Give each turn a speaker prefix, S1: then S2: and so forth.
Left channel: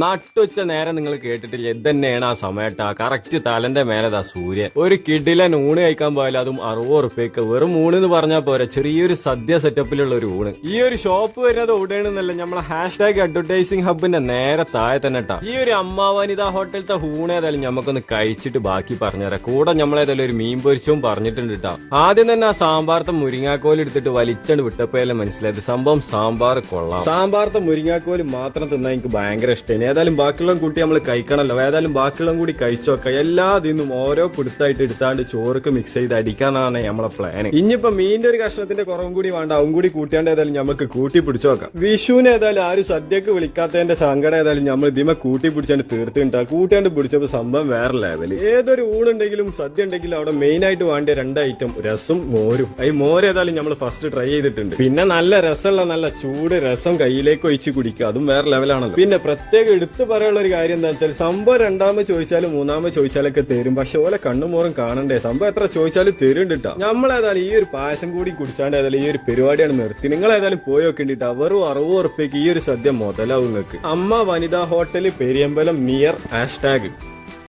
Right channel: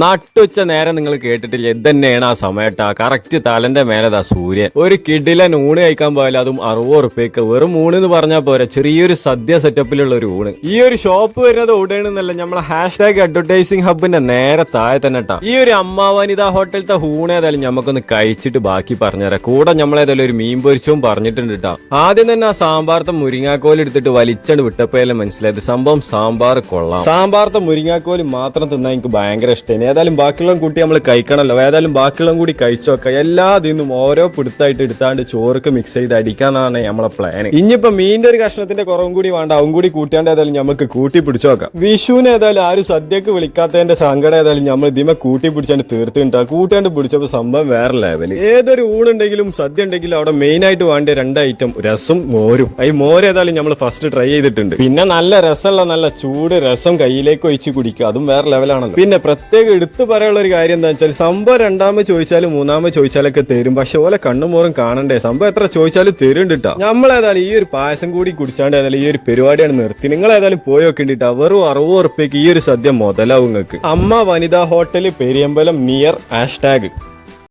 S1: നട്ടുച്ച നേരം നിങ്ങൾ കേട്ടിട്ടില്ല? ഇതന്നെയാണ് ആ സമയട്ടാ. കറക്റ്റ് തലന്റെ മേലതാ സൂര്യൻ. ഒരു കിഡിലൻ ഊണ് കഴിക്കാൻ പോയാലും അതും അറുപത് ഉറുപ്പ്യക്ക്. വെറും ഊണ് എന്ന് പറഞ്ഞാൽ പോരാ. ചെറിയൊരു സദ്യ സെറ്റപ്പിലുള്ള ഒരു ഊണ്. ഈ ഒരു ഷോപ്പ് വരുന്നത് ഉടനെന്നല്ല നമ്മളെ ഹാഷ് ടാഗ് അഡ്വർടൈസിംഗ് ഹബിന്റെ നേരെ താഴെ തന്നെ ട്ടാ. ഈ ഒരു അമ്മ വനിത ഹോട്ടലത്തെ ഊണ് ഏതായാലും നമുക്കൊന്ന് കഴിച്ചിട്ട് ബാക്കി പറഞ്ഞുതരാം. കൂടെ നമ്മളേതായാലും ഒരു മീൻ പൊരിച്ചവും പറഞ്ഞിട്ടുണ്ട് കേട്ടോ ആദ്യം തന്നെ ആ സാമ്പാർത്തെ മുരിങ്ങാക്കോൽ എടുത്തിട്ട് വലിച്ചണ്ട് വിട്ടപ്പോയാലും മനസ്സിലായത്? സംഭവം സാമ്പാർ കൊള്ളാം. സാമ്പാർത്തെ മുരിങ്ങാക്കോൽ മാത്രം തിന്നാൻ എനിക്ക് ഭയങ്കര ഇഷ്ടമാണ് ഏതായാലും ബാക്കിയുള്ള കൂട്ടി നമ്മൾ കഴിക്കണമല്ലോ ഏതായാലും ബാക്കിയുള്ള കൂടി കഴിച്ചോക്കെ. എല്ലാ ദിനും ഓരോ പിടുത്തായിട്ട് എടുത്താണ്ട് ചോറൊക്കെ മിക്സ് ചെയ്ത് അടിക്കാന്നാണ് നമ്മളെ പ്ലാൻ ഇനിയിപ്പോ മീനിന്റെ ഒരു കഷ്ണത്തിന്റെ കുറവും കൂടി വേണ്ട. അവൻ കൂടി കൂട്ടിയാണ്ട് ഏതായാലും നമുക്ക് കൂട്ടി പിടിച്ചോക്കാം. വിഷുവിന് ഏതായാലും ആരും സദ്യക്ക് വിളിക്കാത്തതിന്റെ സങ്കടം ഏതായാലും നമ്മൾ ഇതിമ കൂട്ടി പിടിച്ചാണ്ട് തീർത്തിട്ടാ കൂട്ടാണ്ട് പിടിച്ചപ്പോൾ സംഭവം വേറെ ലെവൽ ഏതൊരു ഊണുണ്ടെങ്കിലും സദ്യ ഉണ്ടെങ്കിലും അവിടെ മെയിൻ ആയിട്ട് വേണ്ട രണ്ട് ഐറ്റം രസം മോരും. ഈ മോര് ഏതായാലും നമ്മൾ ഫസ്റ്റ് ട്രൈ ചെയ്തിട്ടുണ്ട്. പിന്നെ നല്ല രസമുള്ള നല്ല ചൂട് രസം കയ്യിലേക്ക് ഒഴിച്ച് കുടിക്കുക. അതും വേറെ ലെവലാണല്ലോ പിന്നെ പ്രത്യേകം എടുത്തു പറയാനുള്ള ഒരു കാര്യം എന്താ വെച്ചാൽ സംഭവം രണ്ടാമത് ചോദിച്ചാലും മൂന്നാമത് ചോദിച്ചാലൊക്കെ തരും. പക്ഷെ ഓലെ കണ്ണുമോറും കാണണ്ടേ? സംഭവം എത്ര ചോദിച്ചാലും തരുന്നുണ്ട് കേട്ടോ നമ്മൾ ഏതായാലും ഈ ഒരു പായസം കൂടി കുടിച്ചാണ്ട് ഏതായാലും ഈ ഒരു പരിപാടിയാണ് നിർത്തി. നിങ്ങൾ ഏതായാലും പോയി നോക്കേണ്ടിട്ടാ. വെറും അറുപത് ഉറുപ്പ്യക്ക് ഈ ഒരു സദ്യ മുതലാവും നിങ്ങൾക്ക്. Amma Vanitha hotel Periyambalam near hashtag